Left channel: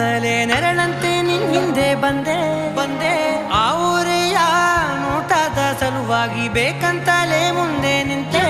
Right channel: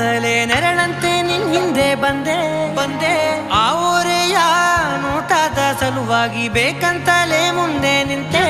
ಅಂತಲೇ ನೆರಳಂತೆ ನಿನ್ ಹಿಂದೆ ಬಂದೆ ಆ ಊರೆಯ ನೋಟದ ಸಲುವಾಗಿ ಬೇಕಂತಲೇ ಮುಂದೆ ನಿಂತೆ